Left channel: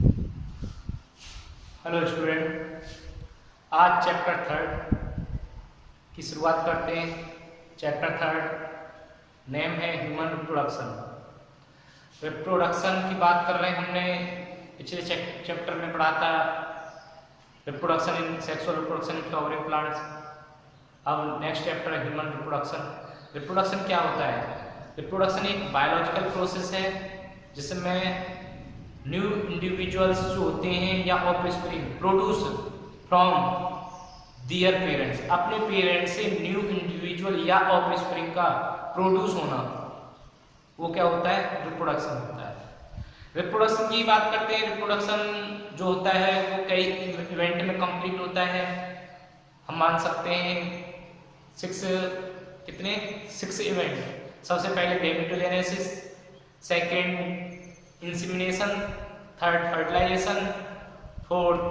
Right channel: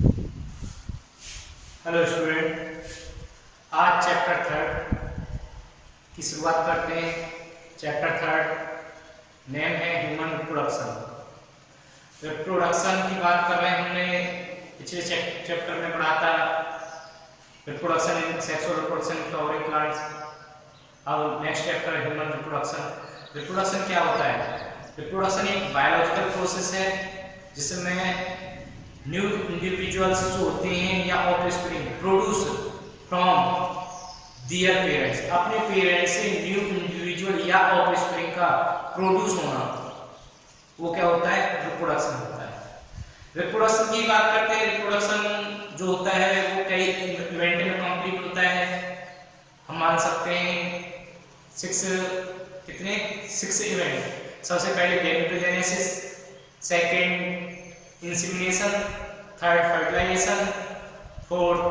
Hello student, आज chapter third की शुरुआत करते हैं। चैप्टर थर्ड नेम है ह्यूमन रिप्रोडक्शन। रिप्रोडक्शन की बात कर रहे हैं। हमने पिछले चैप्टर में पढ़ा था reproduction in sexual reproduction in flowering plants. अब नेक्स्ट चैप्टर है ह्यूमन रिप्रोडक्शन। रिप्रोडक्शन क्या होता है? रिप्रोडक्शन एक बायोलॉजिकल प्रोसेस है जिसमें न्यू इंडिविजुअल्स जो होते हैं या offspring produce from their parents, अपने पेरेंट्स से न्यू इंडिविजुअल या ऑफस्प्रिंग का प्रोड्यूस होना, वो क्या होता है? रिप्रोडक्शन होता है। रिप्रोडक्शन की बात करते हैं। रिप्रोडक्शन जो होता है वो कई इवेंट में कंप्लीट होता है। हम मान सकते हैं सिक्स इवेंट। सबसे पहले gametogenesis, second insemination, third fertilization, fourth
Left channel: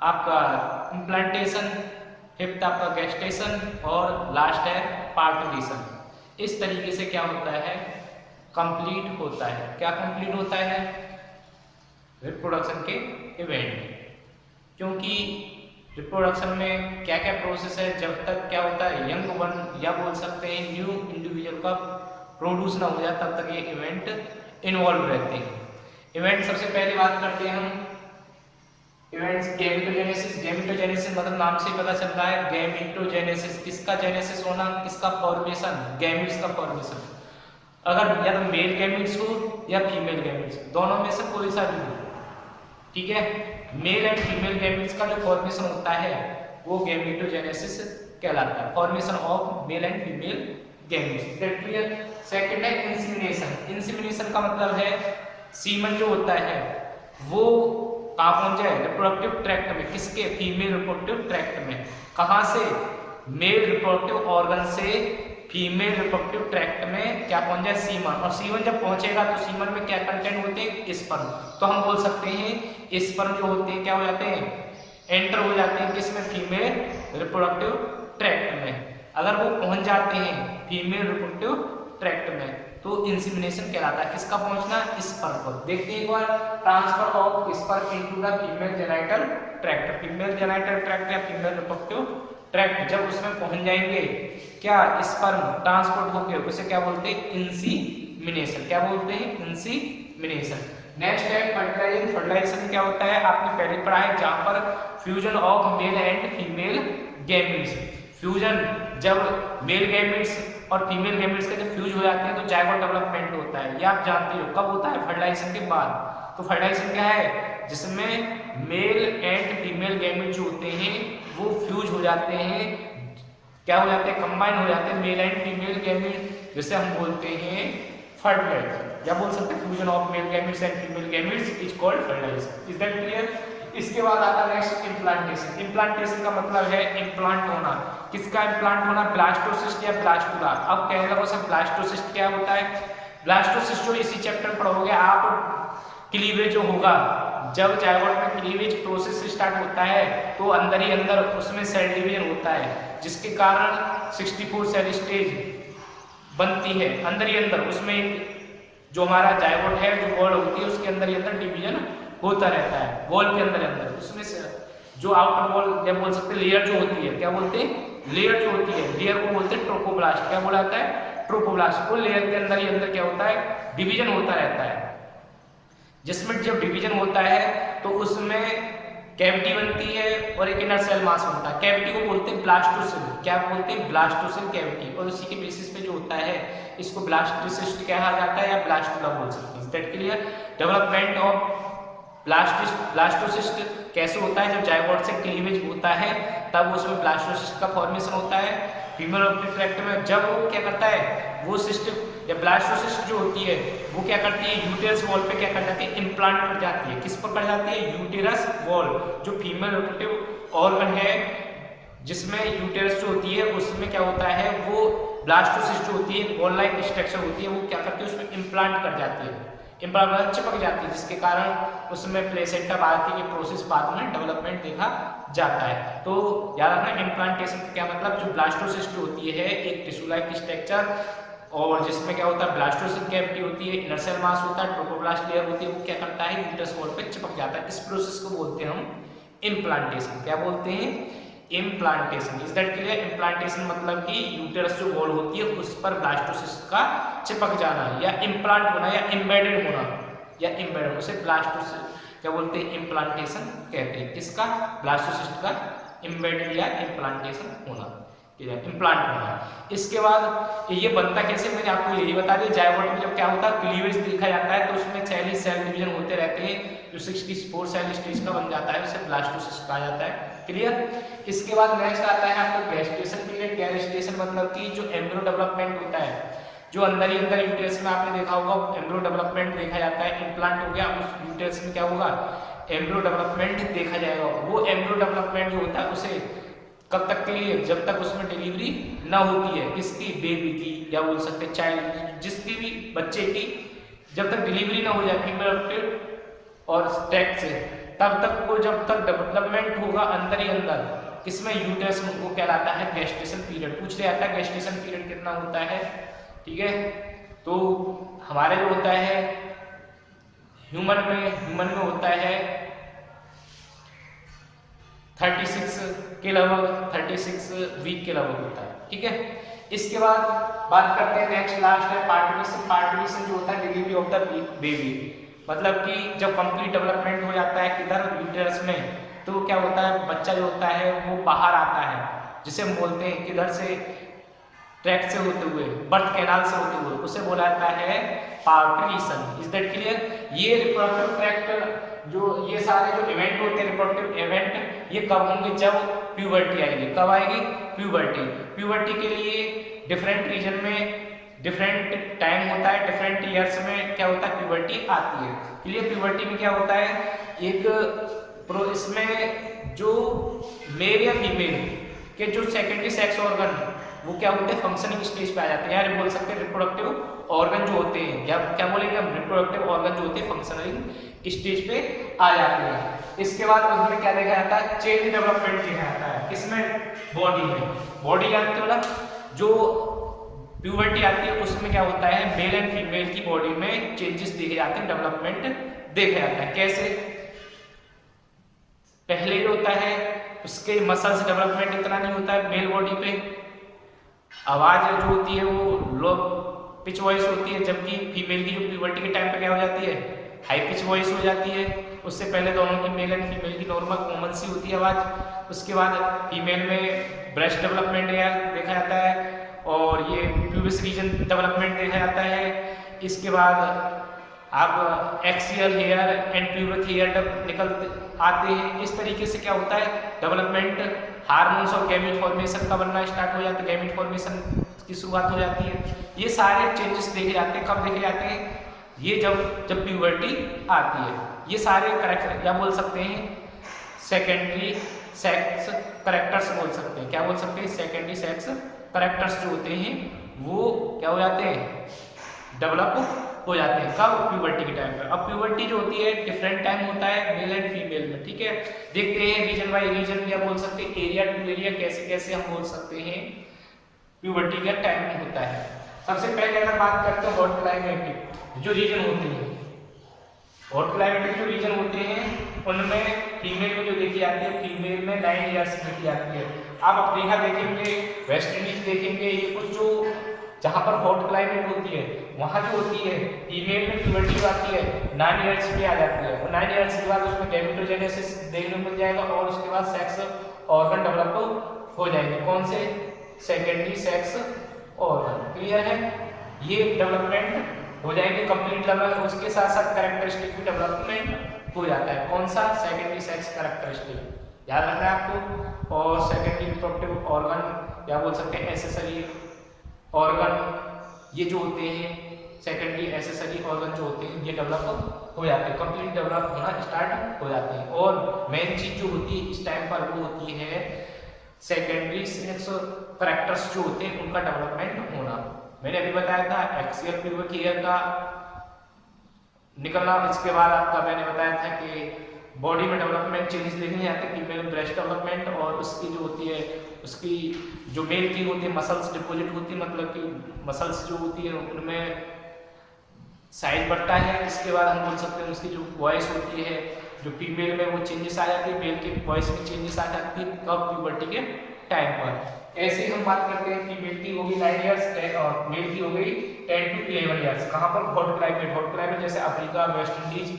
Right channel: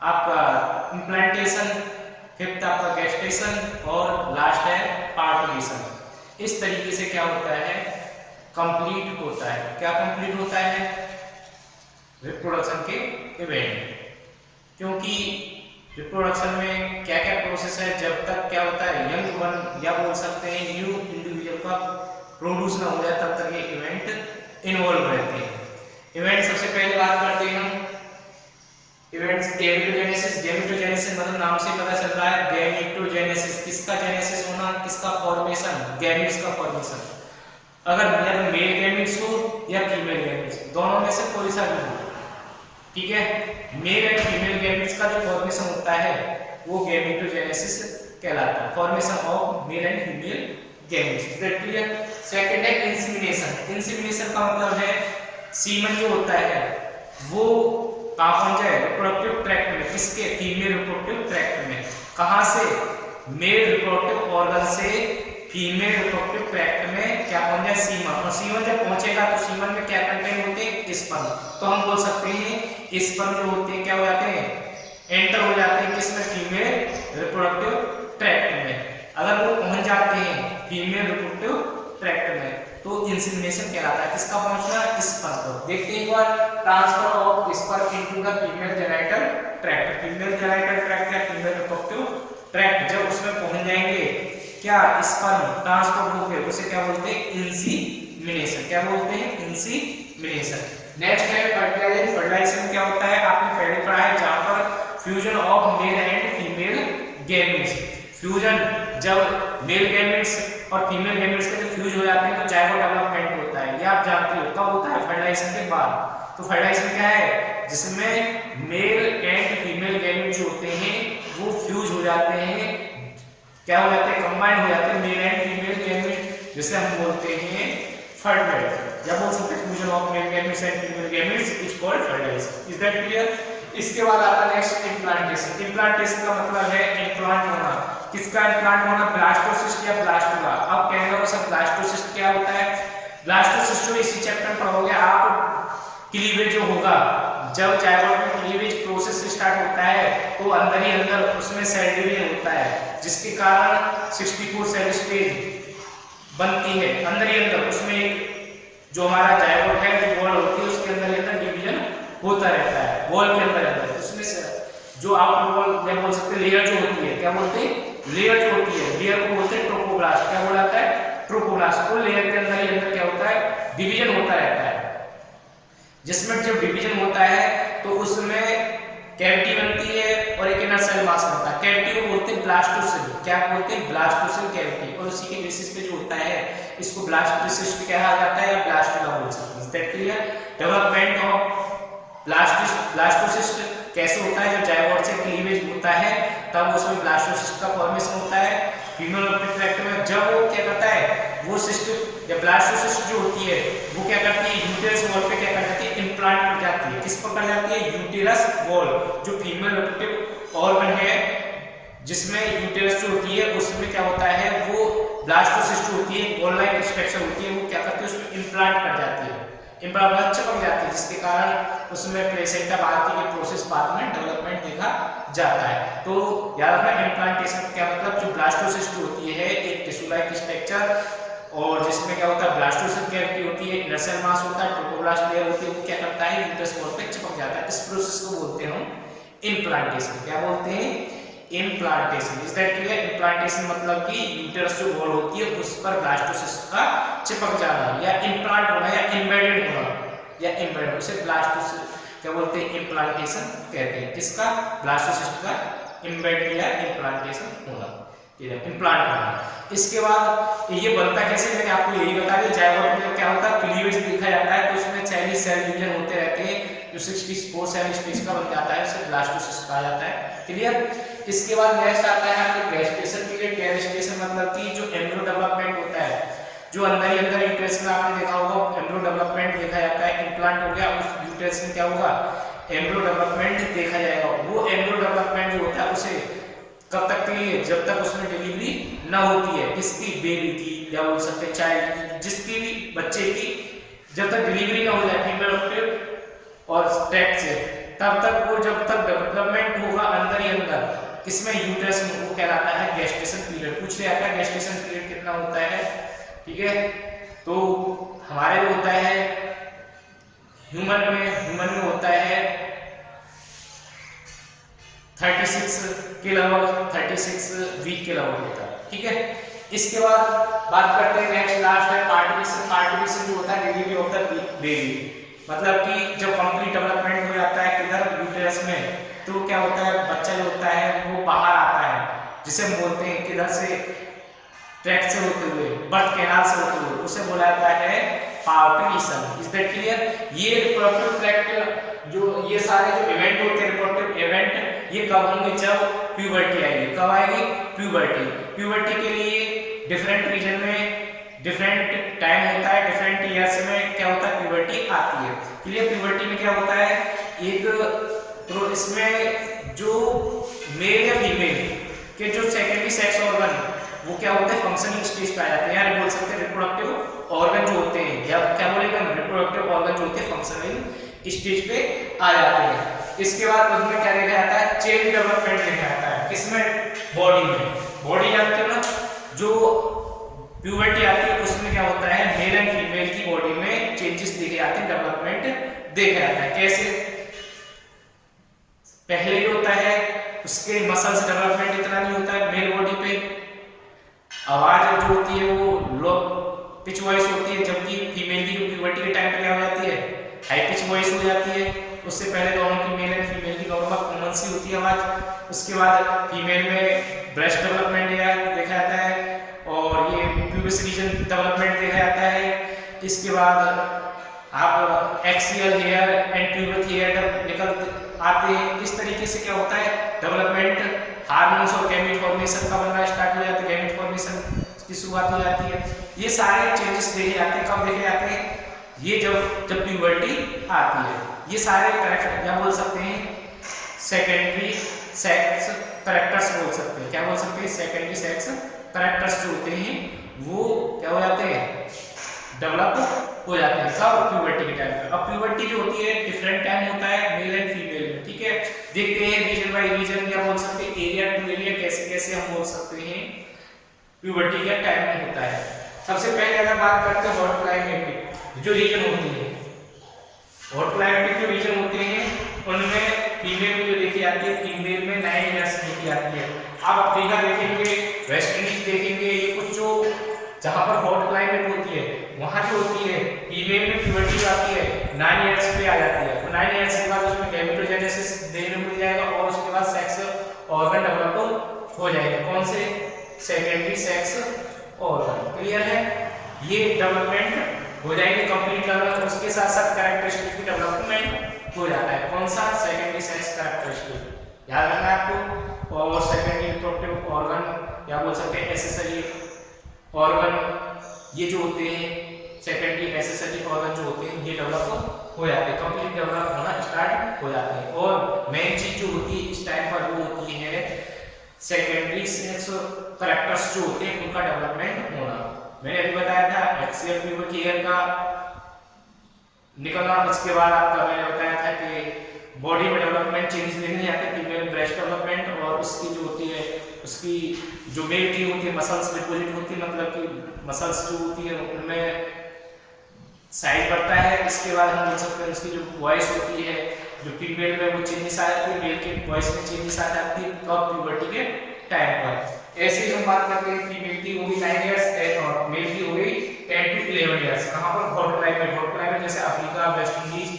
आपका इम्प्लांटेशन, फिफ्थ आपका गेस्टेशन और लास्ट है पार्टुलेशन। इस तरीके से क्या होता है? कंप्लीट होता है। क्या कंप्लीट होता है? रिप्रोडक्शन के इवेंट। क्योंकि रिप्रोडक्शन में क्या क्या प्रोसेस है, जब तक क्या होता है यंग वन या बोल सकते हैं न्यू इंडिविजुअल का प्रोड्यूस ना हो जाए तब तक ये इवेंट इन्वॉल्व रहते हैं। इवेंट सबसे पहले बात करते हैं हम इवेंट्स गैमेटोजेनेसिस। गैमेटोजेनेसिस मतलब नाम से पता चल रहा है गैमेटोजेनेसिस, किसका जेनेसिस होना, किसका फॉर्मेशन, गैमेट्स का फॉर्मेशन। अगर या तो मेल गैमेट्स हो या फीमेल गैमेट्स, दोनों में से कोई सा भी हो, ठीक है। मेल एंड फीमेल गैमेट्स का जो फॉर्मेशन होता है वो गैमेटोजेनेसिस कहलाता है। Formation of male and female gametes, that clear. Second है इंसेमिनेशन। इंसेमिनेशन का मतलब है सीमन जो होता है वो कहाँ पहुंच जाए? रिप्रोडक्टिव ट्रैक्ट में। किसके? फीमेल रिप्रोडक्टिव ट्रैक्ट में। कहाँ से? मेल रिप्रोडक्टिव ऑर्गन से फीमेल रिप्रोडक्टिव ट्रैक्ट में क्या पहुंच जाए? सीमन। और सीमन जब पहुंचेगा तो सीमन में क्या कंटेंट होते हैं? स्पर्म। तो हम बोल सकते हैं स्पर्म जो होते हैं क्या हो जाते हैं? एंटर हो जाते हैं किसमें? फीमेल रिप्रोडक्टिव ट्रैक्ट में। अगर वो पहुंच जाते हैं फीमेल रिप्रोडक्टिव ट्रैक्ट में तो इंसेमिनेशन कहलाता है। किसका पहुंचना? स्पर्म को। देखते हैं एक बार, transfer of sperm into the female genital tract. Female genital tract या फीमेल रिप्रोडक्टिव ट्रैक्ट जब उसमें पहुंच जाएंगे क्या स्पर्म ट्रांसफर होकर, उसे क्या बोलते हैं? इंसेमिनेशन। क्या बोलते हैं? इंसेमिनेशन। नेक्स्ट है फर्टिलाइजेशन। फर्टिलाइजेशन क्या होता है? आपने पहले पढ़ा है, जहां पर fusion of male and female gametes. Fusion जब मेल गैमेट्स और फीमेल गैमेट्स के जब फ्यूज हो जाते हैं तो जायगोट डेवलपमेंट होता है। ये आप जानते हो कब होता है? फर्टिलाइजेशन के बाद। तो फर्टिलाइजेशन क्या है? जिसमें मेल एंड फीमेल गैमेट जो होते हैं वो फ्यूज हो जाते हैं, क्या हो जाते हैं? कंबाइन हो जाते हैं मेल एंड फीमेल गैमेट, जिसे हम बोलते हैं फर्टिलाइजेशन। या बोल सकते हैं fusion of male gametes and female gametes is called fertilization. Is that clear? इसके बाद आता है नेक्स्ट इम्प्लांटेशन। इम्प्लांटेशन का मतलब है इम्प्लांट होना। किसका इम्प्लांट होना? ब्लास्टोसिस्ट या ब्लास्टुला। अब कहना हो सर ब्लास्टोसिस्ट क्या होता है? ब्लास्टोसिस्ट जो इसी चैप्टर में पढ़ोगे आप, क्लीवेज जो होगा, जब जायगोट में क्लीवेज प्रोसेस स्टार्ट होता है तो अंदर ही अंदर उसमें सेल डिवीजन होता है, जिसके कारण 64 सेल स्टेज बनती है। अंदर ही अंदर उसमें जो हमारा जायगोट है, जो वॉल होती है, उसके अंदर ही अंदर डिवीजन होता रहता है। वॉल के अंदर अंदर उसमें से जो आउटर वॉल क्या बोल सकते हैं, लेयर जो होती है, क्या बोलते हैं? लेयर जो होती है, लेयर को बोलते हैं ट्रोपोब्लास्ट। क्या बोला जाता है? ट्रोपोब्लास्ट। को लेयर के अंदर ही अंदर क्या होता है? डिवीजन होता रहता है। जिसमें जब डिवीजन होता है तो उसमें कैविटी बनती है और एक इनर सेल मास बनता है। कैविटी को बोलते हैं ब्लास्टोसिल। क्या बोलते हैं? Blastocoel cavity. और उसी के बेसिस पे जो होता है इसको ब्लास्टोसिस्ट कहा जाता है या ब्लास्टुला बोल सकते हैं। Is that clear? Development of blastocyst कैसे होता है? जब जायगोट से क्लीवेज होता है तब उसमें ब्लास्टोसिस्ट का फॉर्मेशन होता है फीमेल रिप्रोडक्टिव ट्रैक्ट में। जब वो क्या करता है, वो सिस्ट या ब्लास्टोसिस्ट जो होती है वो क्या करती है? यूटेरस वॉल पे क्या कर जाती है? इम्प्लांट कर जाती है। किस पर कर जाती है? यूटेरस वॉल, जो फीमेल रिप्रोडक्टिव ऑर्गन है जिसमें यूटेरस जो होती है उसमें क्या होता है, वो ब्लास्टोसिस्ट जो होती है बॉल लाइक स्ट्रक्चर होती है, वो क्या करती है? उसमें इम्प्लांट कर जाती है, इम्प्लांट चिपक जाती है, जिसके कारण उसमें प्लेसेंटा बाकी के प्रोसेस बाद में डेवलपमेंट देखा जाता है। तो याद रखना इम्प्लांटेशन क्या मतलब? जो ब्लास्टोसिस्ट होती है एक टिश्यू लाइक स्ट्रक्चर और जिसमें क्या होता है ब्लास्टोसिस्ट कैविटी होती है, इनर सेल मास होता है, ट्रोपोब्लास्ट लेयर होती है, वो क्या करता है यूट्रस वॉल पे चिपक जाता है। इस प्रोसेस को बोलते हैं हम इम्प्लांटेशन। क्या बोलते हैं? Implantation. Is that clear? Implantation मतलब कि यूट्रस जो वॉल होती है उस पर ब्लास्टोसिस्ट का चिपक जाना, या इम्प्लांट होना, या एम्बेडेड होना, या एम्बेडेड, उसे ब्लास्टोसिस्ट क्या बोलते हैं? इम्प्लांटेशन कहते हैं। किसका? ब्लास्टोसिस्ट का एम्बेडेड या इम्प्लांटेशन होना, इम्प्लांट होना। इसके बाद ये बनता कैसे, मैंने आपको यही बता दिया। जायगोट में क्या होता है, क्लीवेज देखा जाता है, तो उसमें सेल डिवीजन होते रहते हैं, जो 64 सेल स्टेज का बन जाता है, उसे ब्लास्टोसिस्ट कहा जाता है। क्लियर? इसके बाद नेक्स्ट आता है आपके गेस्टेशन पीरियड। गेस्टेशन मतलब कि जो एम्ब्रियो डेवलपमेंट होता है, जो अंदर ही अंदर यूट्रस में आपने देखा होगा एम्ब्रियो डेवलपमेंट देखा जाता है। इम्प्लांट हो गया, उस यूट्रस में क्या होगा? एम्ब्रियो डेवलपमेंट देखा जाएगा। वो एम्ब्रियो डेवलपमेंट जो होता है उसे कब तक के लिए? जब तक उसमें डिलीवरी ना होती है। किसकी? बेबी की, या बोल सकते हैं चाइल्ड की, जिसकी भी बच्चे की जब तक डिलीवरी ना हो जाए फीमेल और ट्रैक्ट से, तब तक वो जब तक डेवलपमेंट होगा अंदर ही अंदर किसमें? यूट्रस में, वो कहलाता है गेस्टेशन पीरियड। पूछ लिया था गेस्टेशन पीरियड कितना होता है, ठीक है? तो हमारे जो होता है ह्यूमन में होता है 36 के लगभग, 36 वीक के लगभग होता है, ठीक है? इसके बाद बात करते हैं नेक्स्ट लास्ट है पार्टिशन। पार्टिशन जो होता है डिलीवरी ऑफ द बेबी, मतलब कि जब कंप्लीट डेवलपमेंट हो जाता है किधर? यूट्रस में, तो क्या होता है बच्चा जो होता है वो बाहर आता है, जिसे हम बोलते हैं किधर से? ट्रैक्ट से होते हुए, बर्थ कैनाल से होते हुए, उसे बोला जाता है पार्टिशन। Is that clear? ये रिप्रोडक्टिव ट्रैक्ट जो ये सारे जो इवेंट होते हैं रिप्रोडक्टिव इवेंट, ये कब होंगे? जब प्यूबर्टी आएगी। कब आएगी? प्यूबर्टी। प्यूबर्टी के लिए डिफरेंट रीजन में डिफरेंट टाइम होता है, डिफरेंट ईयर्स में क्या होता है? प्यूबर्टी आती है। क्लियर? प्यूबर्टी में क्या होता है, एक इसमें जो मेल या फीमेल के जो सेकेंडरी सेक्स ऑर्गन वो क्या होते हैं? फंक्शनिंग स्टेज पे आ जाते हैं, या बोल सकते हैं रिप्रोडक्टिव ऑर्गन जो होते हैं, या क्या बोलेंगे हम? रिप्रोडक्टिव ऑर्गन जो होते हैं फंक्शनिंग स्टेज पे आ जाते हैं। इसके बाद उसमें क्या देखा जाता है? चेंज डेवलपमेंट देखा जाता है। किसमें? बॉडी में। बॉडी जानते हो ना, जो प्यूबर्टी आती है उसमें क्या होता है? मेल एंड फीमेल की बॉडी में चेंजेस देखे जाते हैं, डेवलपमेंट देखा जाता है। कैसे? पहले जो होता है उसके मसल्स डेवलपमेंट इतना नहीं होता है मेल बॉडी पे, आवाज जो होती है वो लो पिच वॉइस होती है, जबकि फीमेल की जो प्यूबर्टी के टाइम पे क्या हो जाती है? हाई पिच वॉइस हो जाती है। उससे पहले दोनों की मेल एंड फीमेल की नॉर्मल कॉमन सी होती है आवाज। उसके बाद फीमेल में ब्रेस्ट डेवलपमेंट देखा जाता है, और ये प्यूबिस रीजन डेवलपमेंट देखा जाता है। इसके बाद आप axial hair and pubic hair निकल आते हैं। इस तरीके से क्या होता है? डेवलपमेंट, हार्मोन्स और गैमेट फॉर्मेशन का बनना स्टार्ट हो जाता है, गैमेट फॉर्मेशन की शुरुआत हो जाती है। ये सारे चेंजेस देखे जाते हैं। कब देखे जाते हैं? ये जब प्यूबर्टी आती है। ये सारे करेक्टर क्या बोल सकते हैं? सेकेंडरी सेक्स करेक्टर्स बोल सकते हैं। क्या बोल सकते हैं? सेकेंडरी सेक्स करेक्टर्स जो होते हैं वो क्या हो जाते हैं? डेवलप हो जाते हैं। कब? प्यूबर्टी के टाइम पर। अब प्यूबर्टी जो होती है डिफरेंट टाइम होता है मेल एंड फीमेल में, ठीक है? देखते हैं रीजन बाय रीजन, क्या बोल सकते हैं एरिया टू एरिया कैसे कैसे हम बोल सकते हैं प्यूबर्टी का टाइम होता है। सबसे पहले अगर बात करते हैं हॉट क्लाइमेटिक जो रीजन होती है, हॉट क्लाइमेटिक जो रीजन होते हैं उनमें फीमेल में जो देखी जाती है, फीमेल में 9 ईयर्स देखी जाती है। आप अफ्रीका देखेंगे, वेस्ट इंडीज देखेंगे, ये कुछ जो जहां पर हॉट क्लाइमेट होती है वहां जो होती है फीमेल में प्यूबर्टी आती है 9 ईयर्स पे आ जाती है। तो 9 ईयर्स के बाद उसमें गैमेटोजेनेसिस देखने को मिल जाएगा, और उसके बाद सेक्स ऑर्गन डेवलप हो जाएंगे। कौन से? Secondary sex organ. क्लियर है? ये डेवलपमेंट हो जाएंगे कंप्लीट डेवलप, उसके साथ साथ कैरेक्टरिस्टिक भी डेवलपमेंट हो जाता है। कौन सा? सेकेंडरी सेक्स कैरेक्टरिस्टिक याद रखना है आपको। और सेकेंडरी रिप्रोडक्टिव ऑर्गन या बोल सकते हैं एसेसरी ऑर्गन, ये जो होते हैं सेकेंडरी एसेसरी ऑर्गन जो होते हैं ये डेवलप हो जाते हैं, कंप्लीट डेवलप होना स्टार्ट हो जाते हैं। और मेन चीज जो होती है इस टाइम पर वो होती है सेकेंडरी सेक्स कैरेक्टर्स जो होते हैं उनका डेवलपमेंट होना। मैंने अभी बताया था एक्सियल प्यूबिक हेयर का निकलना, इसके बाद आपका मैंने बताया था कि बॉडी में डेवलपमेंट चेंजेस देखने जाते हैं, फीमेल में ब्रेस्ट डेवलपमेंट और उसकी जो होती है उसकी जो मेल की होती है मसल्स डिपोजिट होती है, मतलब कि मसल्स जो होती है उनमें साइज बढ़ता है। इसके बाद हम बोल सकते हैं उसकी जो वॉइस होती है जो फीमेल में वो चेंजेस आ जाती है, मेल के वॉइस में चेंजेस आ जाती है कब प्यूबर्टी के टाइम पर। ऐसे ही हम बात करते हैं फीमेल की हो गई 9 इयर्स और मेल की हो गई 10 to 11 इयर्स। कहाँ पर? हॉट क्लाइमेट जैसे अफ्रीका, वेस्ट इंडीज,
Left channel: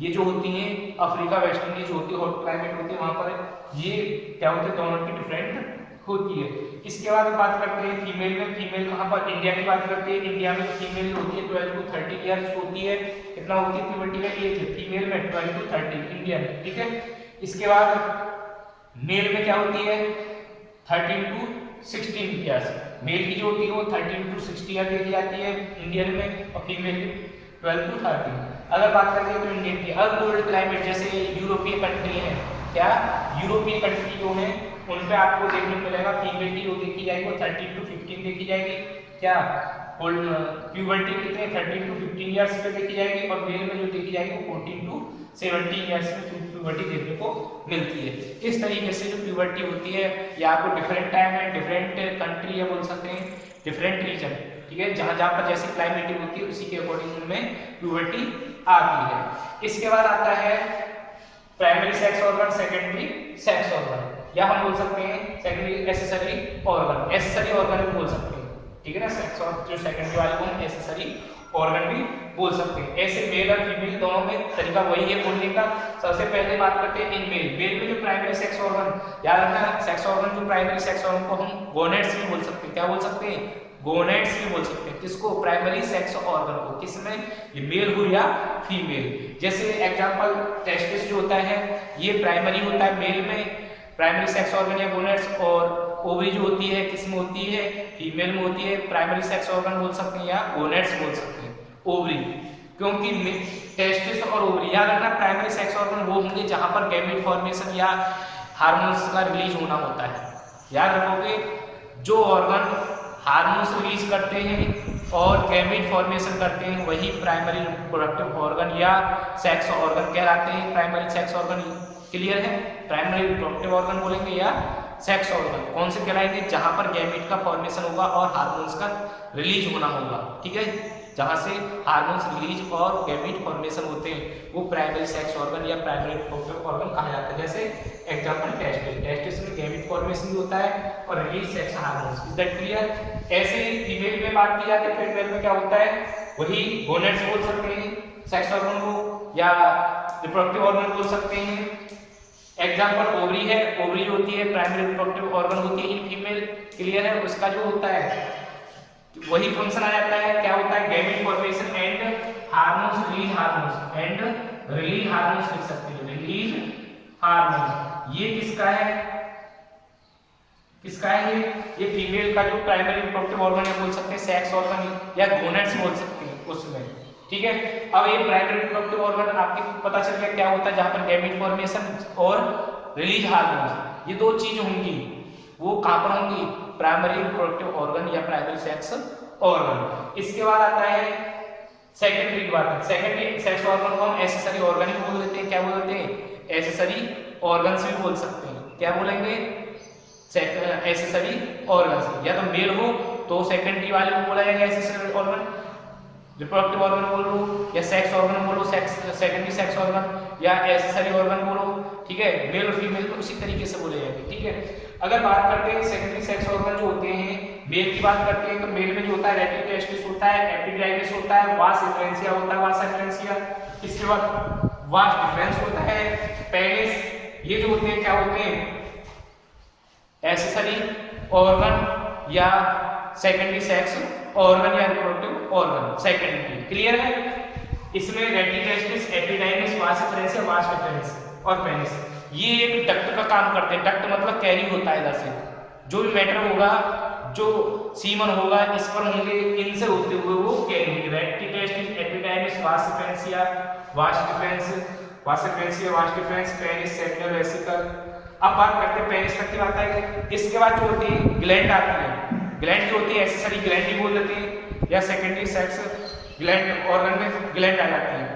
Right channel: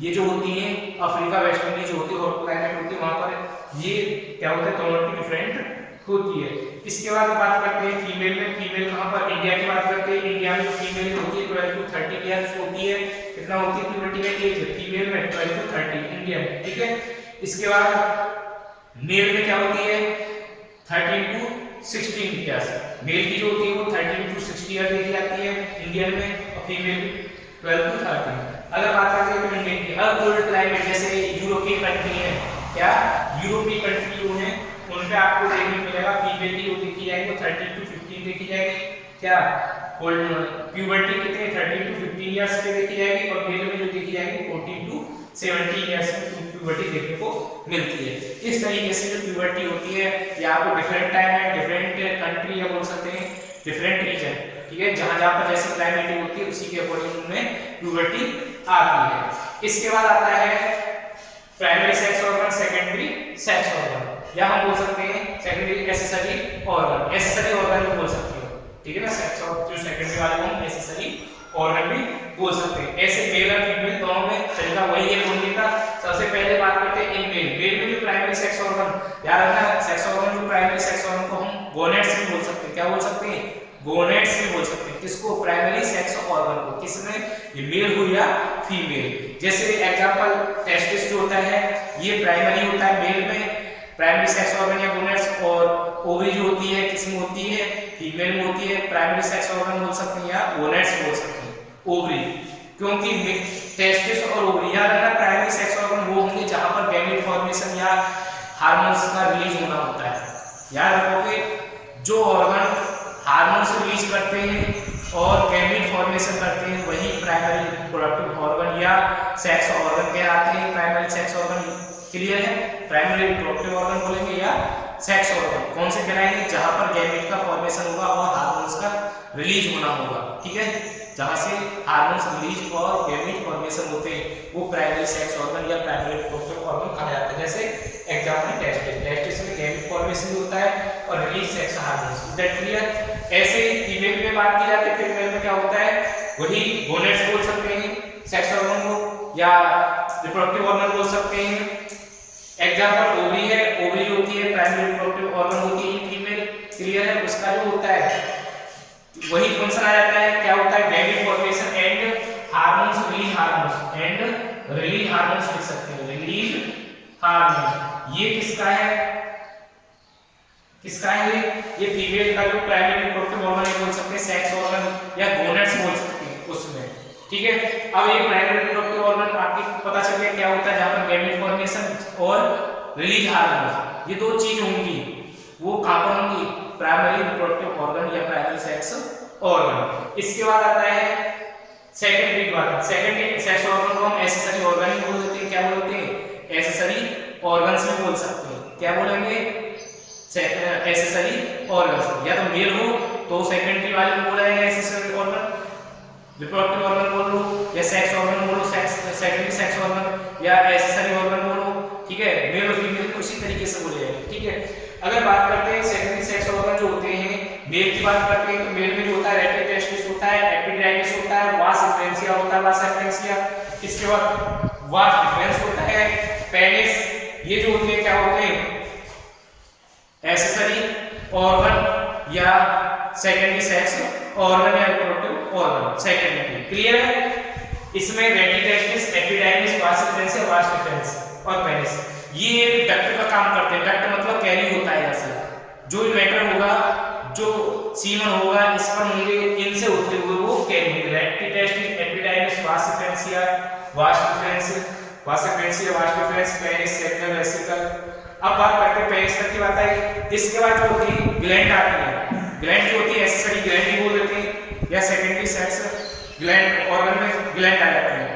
ये जो होती है अफ्रीका वेस्ट इंडीज जो होती है हॉट क्लाइमेट होती है, वहाँ पर ये क्या होते हैं क्लाइमेट डिफरेंट होती है। इसके बाद बात करते हैं फीमेल में, फीमेल कहाँ पर? इंडिया की बात करते हैं। इंडिया में फीमेल जो होती है 12 to 30 इयर्स होती है। कितना होती है प्यूबर्टी का एज फीमेल में? 12 to 30 इंडिया में, ठीक है। इसके बाद मेल में क्या होती है? 13 to 16 इयर्स। मेल की जो होती है वो 13 to 60 इयर्स देखी जाती है इंडियन में और फीमेल 12 to 30। अगर बात करते हैं तो इंडियन की अब कोल्ड क्लाइमेट जैसे यूरोपीय कंट्री है, क्या यूरोपीय कंट्री जो है उन पे आपको देखने को मिलेगा फीमेल की वो देखी जाएगी वो 13 to 15 देखी जाएगी। क्या कोल्ड प्यूबर्टी कितने 13 to 15 इयर्स पे देखी जाएगी और मेल में जो देखी जाएगी 14 to 17 इयर्स में प्यूबर्टी देखने को मिलती है। इस तरीके से जो प्यूबर्टी होती है या आपको डिफरेंट टाइम है, डिफरेंट कंट्री या बोल सकते हैं डिफरेंट रीजन, ठीक है, जहां जहां पर जैसे क्लाइमेट होती है उसी के अकॉर्डिंग उनमें प्यूबर्टी आती है। इसके बाद आता है primary sex organ, secondary sex organ, या हम बोल सकते हैं secondary accessory organ, accessory organ भी बोल सकते हैं, ठीक है ना। सेक्स और जो सेकेंडरी वाले हैं एक्सेसरी ऑर्गन भी बोल सकते हैं। ऐसे मेल और फीमेल दोनों में तरीका वही है बोलने का। सबसे पहले बात करते हैं इन मेल में जो प्राइमरी सेक्स ऑर्गन, याद रखना सेक्स ऑर्गन जो प्राइमरी सेक्स ऑर्गन को हम गोनेड्स भी बोल सकते हैं। क्या बोल सकते हैं? गोनेड्स भी बोल सकते हैं। किसको? प्राइमरी सेक्स ऑर्गन को। किसमें? ये मेल हो या फीमेल। जैसे एग्जांपल टेस्टिस जो होता है ये प्राइमरी होता है मेल में, प्राइमरी सेक्स ऑर्गन या गोनेड्स, और ओवरी जो होती है किसमें होती है? फीमेल में होती है। प्राइमरी सेक्स ऑर्गन बोल सकते हैं या गोनेड्स बोल सकते हैं, ओवरी, क्योंकि टेस्टिस और ओवरी याद रखना प्राइमरी सेक्स ऑर्गन वो होंगे जहां पर गैमेट फॉर्मेशन या हार्मोन्स का रिलीज होना होता है। याद रखोगे जो ऑर्गन हार्मोन्स रिलीज करते हैं और गैमेट फॉर्मेशन करते हैं वही प्राइमरी रिप्रोडक्टिव ऑर्गन या सेक्स ऑर्गन कहलाते हैं। प्राइमरी सेक्स ऑर्गन क्लियर है? प्राइमरी रिप्रोडक्टिव ऑर्गन बोलेंगे या सेक्स ऑर्गन कौन से कहलाएंगे? जहां पर गैमेट का फॉर्मेशन होगा और हार्मोन्स का रिलीज होना होगा, ठीक है, जहां से हार्मोन्स रिलीज और गैमेट फॉर्मेशन होते हैं वो प्राइमरी सेक्स ऑर्गन या प्राइमरी रिप्रोडक्टिव ऑर्गन कहा जाता है। जैसे एग्जांपल टेस्टिस में गैमेट फॉर्मेशन भी होता है और release sex hormones. Is that clear? ऐसे ही फीमेल में बात की जाती है, फीमेल में क्या होता है? वही गोनेड्स बोल सकते हैं सेक्स ऑर्गन को या रिप्रोडक्टिव ऑर्गन बोल सकते हैं। एग्जांपल ओवरी है, ओवरी होती है प्राइमरी रिप्रोडक्टिव ऑर्गन होती है फीमेल, क्लियर है? उसका जो होता है वही फंक्शन आ जाता है, क्या होता है? Gamete formation and hormones release, hormones and release hormones लिख सकते हैं, रिलीज हार्मोन्स। ये किसका है? किसका है ये फीमेल का जो प्राइमरी रिप्रोडक्टिव ऑर्गन है बोल सकते हैं सेक्स ऑर्गन या गोनेड्स बोल सकते हैं उसमें, ठीक है। अब ये प्राइमरी रिप्रोडक्टिव ऑर्गन आपको पता चल गया क्या होता है, जहां पर गैमेट फॉर्मेशन और रिलीज हार्मोन्स ये दो चीज होंगी, वो कहां पर होंगी? प्राइमरी रिप्रोडक्टिव ऑर्गन या प्राइमरी सेक्स ऑर्गन। इसके बाद आता है सेकेंडरी की बात। सेकेंडरी सेक्स ऑर्गन को हम एक्सेसरी ऑर्गन ही बोल देते हैं। क्या बोलते हैं? एक्सेसरी ऑर्गन से बोल सकते हैं। क्या बोलेंगे? Accessory organ. या तो मेल हो तो सेकेंडरी वाले को बोला जाएगा एक्सेसरी ऑर्गन, रिप्रोडक्टिव ऑर्गन बोल लो या सेक्स ऑर्गन बोलो, सेकेंडरी सेक्स ऑर्गन या एक्सेसरी ऑर्गन बोलो, ठीक है। मेल और फीमेल को इसी तरीके से बोले जाएंगे, ठीक है। अगर बात करते हैं सेकेंडरी सेक्स ऑर्गन जो होते हैं, मेल की बात करते हैं तो मेल में जो होता है रेटिक टेस्टिस होता है, एपिग्राइडिस होता है, वास एफरेंसिया होता है, वास एफरेंसिया। इसके बाद वास डिफरेंस होता है, पेनिस। ये जो होते हैं क्या होते हैं? एक्सेसरी ऑर्गन या सेकेंडरी सेक्स ऑर्गन या रिप्रोडक्टिव ऑर्गन सेकेंडरी, क्लियर है? इसमें रेटिक टेस्टिस, एपिडाइमिस, वास एफरेंसिया, वास डिफरेंस और पेनिस ये एक डक्ट का काम करते हैं। डक्ट मतलब कैरी होता है, जैसे जो भी मैटर होगा, जो सीमन होगा इस पर होंगे, इनसे होते हुए वो कैरी होंगे। रेटिक टेस्टिस, एपिडाइमिस, वास एफरेंसिया, वास डिफरेंस, वास एफरेंसिया, vas deferens, penis, seminal vesicle. अब बात करते हैं पेनिस तक की बात आई। इसके बाद जो होती है ग्लैंड आती है। ग्लैंड जो होती है एक्सेसरी ग्लैंड ही बोल देते हैं या सेकेंडरी सेक्स ग्लैंड ऑर्गन में ग्लैंड आ जाती है।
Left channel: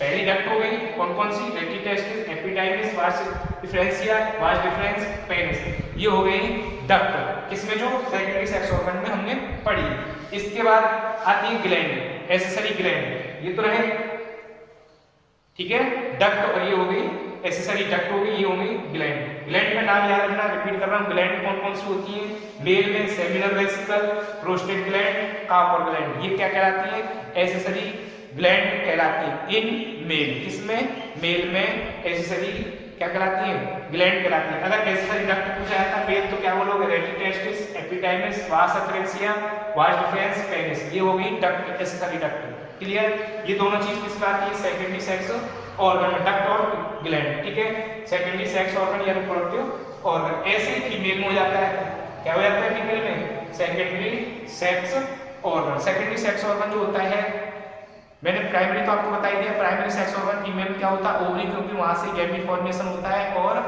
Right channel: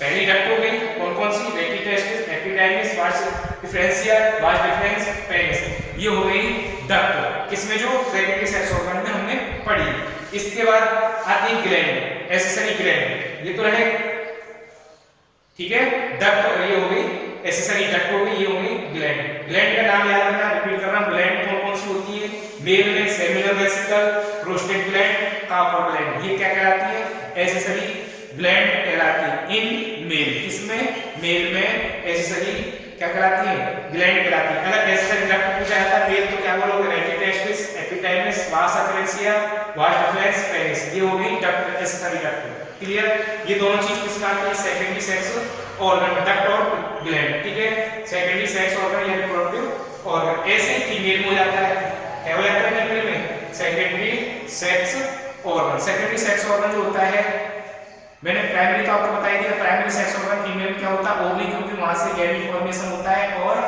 पहली डक्ट हो गई कौन कौन सी, रेटिटेस्टिस, एपिडाइमिस, वास डिफरेंशिया, वास डिफरेंस, पेनिस, ये हो गई डक्ट, किसमें जो सेकेंडरी सेक्स ऑर्गन में हमने पढ़ी। इसके बाद आती है ग्लैंड, एसेसरी ग्लैंड, ये तो रहे ठीक है डक्ट, और ये हो गई एसेसरी डक्ट हो गई, ये हो गई ग्लैंड। ग्लैंड का नाम याद रखना, रिपीट कर रहा हूं, ग्लैंड कौन कौन सी होती है, मेल में seminal vesicle, prostate gland, Cowper gland, ये क्या कहलाती है, एसेसरी ग्लैंड कहलाती है इन मेल, किसमें, मेल में एसेसरी क्या कहलाती है, ग्लैंड कहलाती है। अगर एसेसरी डक्ट पूछा जाता है मेल तो क्या बोलोगे, रेटिटेस्टिस, एपिडाइमिस, वास डिफरेंशिया, वास डिफरेंस, पेनिस, ये हो गई डक्ट, एसेसरी डक्ट, क्लियर। ये दोनों चीज किसमें आती है, सेकेंडरी सेक्स ऑर्गन, डक्ट और ग्लैंड, ठीक है, सेकेंडरी सेक्स ऑर्गन या रिप्रोडक्टिव ऑर्गन। ऐसे फीमेल में हो जाता है, क्या हो जाता है फीमेल में, secondary sex organ. Secondary sex organ जो होता है, मैंने प्राइमरी तो आपको बता ही दिया, प्राइमरी सेक्स ऑर्गन फीमेल में क्या होता है, ओवरी, क्योंकि वहां से गैमेट फॉर्मेशन होता है और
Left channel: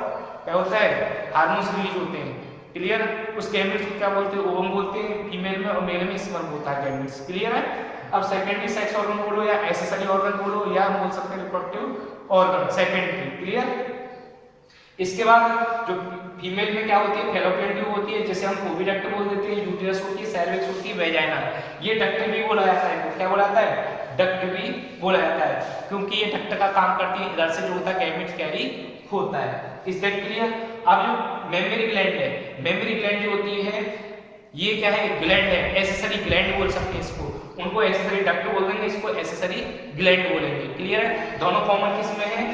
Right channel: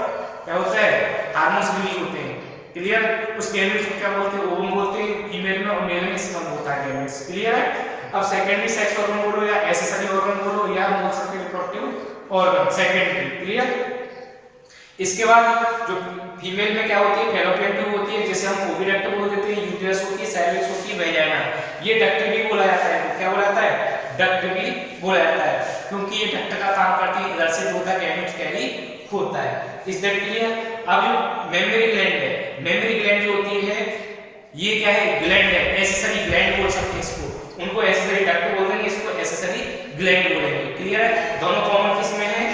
क्या होता है, हार्मोन्स रिलीज होते हैं, क्लियर। उस गैमेट्स को क्या बोलते हैं, ओवम बोलते हैं फीमेल में, और मेल में स्पर्म होता है गैमेट्स, क्लियर है। अब सेकेंडरी सेक्स ऑर्गन बोलो या एसेसरी ऑर्गन बोलो या बोल सकते हैं रिप्रोडक्टिव ऑर्गन, सेकेंडरी, क्लियर। इसके बाद जो फीमेल में क्या होती है, फैलोपियन ट्यूब होती है, जिसे हम ओविडक्ट बोल देते हैं, यूटेरस होती है, सर्विक्स होती है, वेजाइना, ये डक्ट भी बोला जाता है, क्या बोला जाता है, डक्ट भी बोला जाता है, क्योंकि ये डक्ट का काम करती है, इधर से जो होता है गैमेट्स कैरी होता है, इस दैट क्लियर। अब जो मेमरी ग्लैंड है, मेमरी ग्लैंड जो होती है ये क्या है, ग्लैंड है, एसेसरी ग्लैंड बोल सकते हैं इसको, उनको एसेसरी डक्ट बोल देंगे, इसको एसेसरी ग्लैंड बोलेंगे, क्लियर है। दोनों कॉमन किसमें है,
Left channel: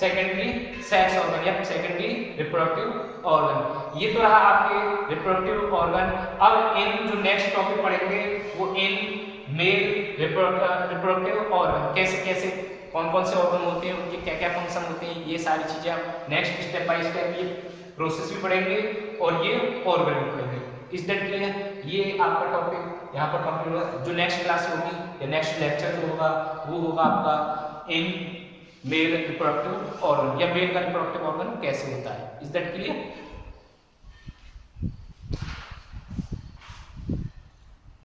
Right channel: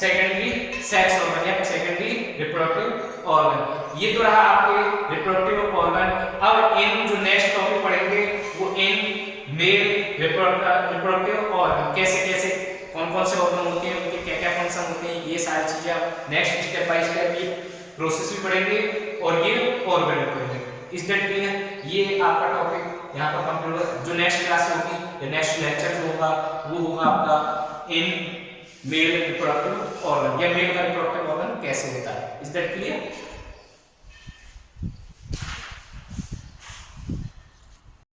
सेकेंडरी सेक्स ऑर्गन या सेकेंडरी रिप्रोडक्टिव ऑर्गन। ये तो रहा आपके रिप्रोडक्टिव ऑर्गन। अब इन जो नेक्स्ट टॉपिक पढ़ेंगे वो इन मेल रिप्रोडक्टिव ऑर्गन, कैसे कैसे कौन कौन से ऑर्गन होते हैं, उनके क्या क्या फंक्शन होते हैं, ये सारी चीजें आप नेक्स्ट स्टेप बाय स्टेप ये प्रोसेस भी पढ़ेंगे और ये ऑर्गन पढ़ेंगे, इस दैट क्लियर। ये आपका टॉपिक यहाँ पर कंप्लीट होगा। जो नेक्स्ट क्लास होगी या नेक्स्ट लेक्चर जो होगा वो होगा आपका इन मेल रिप्रोडक्टिव ऑर्गन या मेल का रिप्रोडक्टिव ऑर्गन कैसे होता है, इज दैट क्लियर।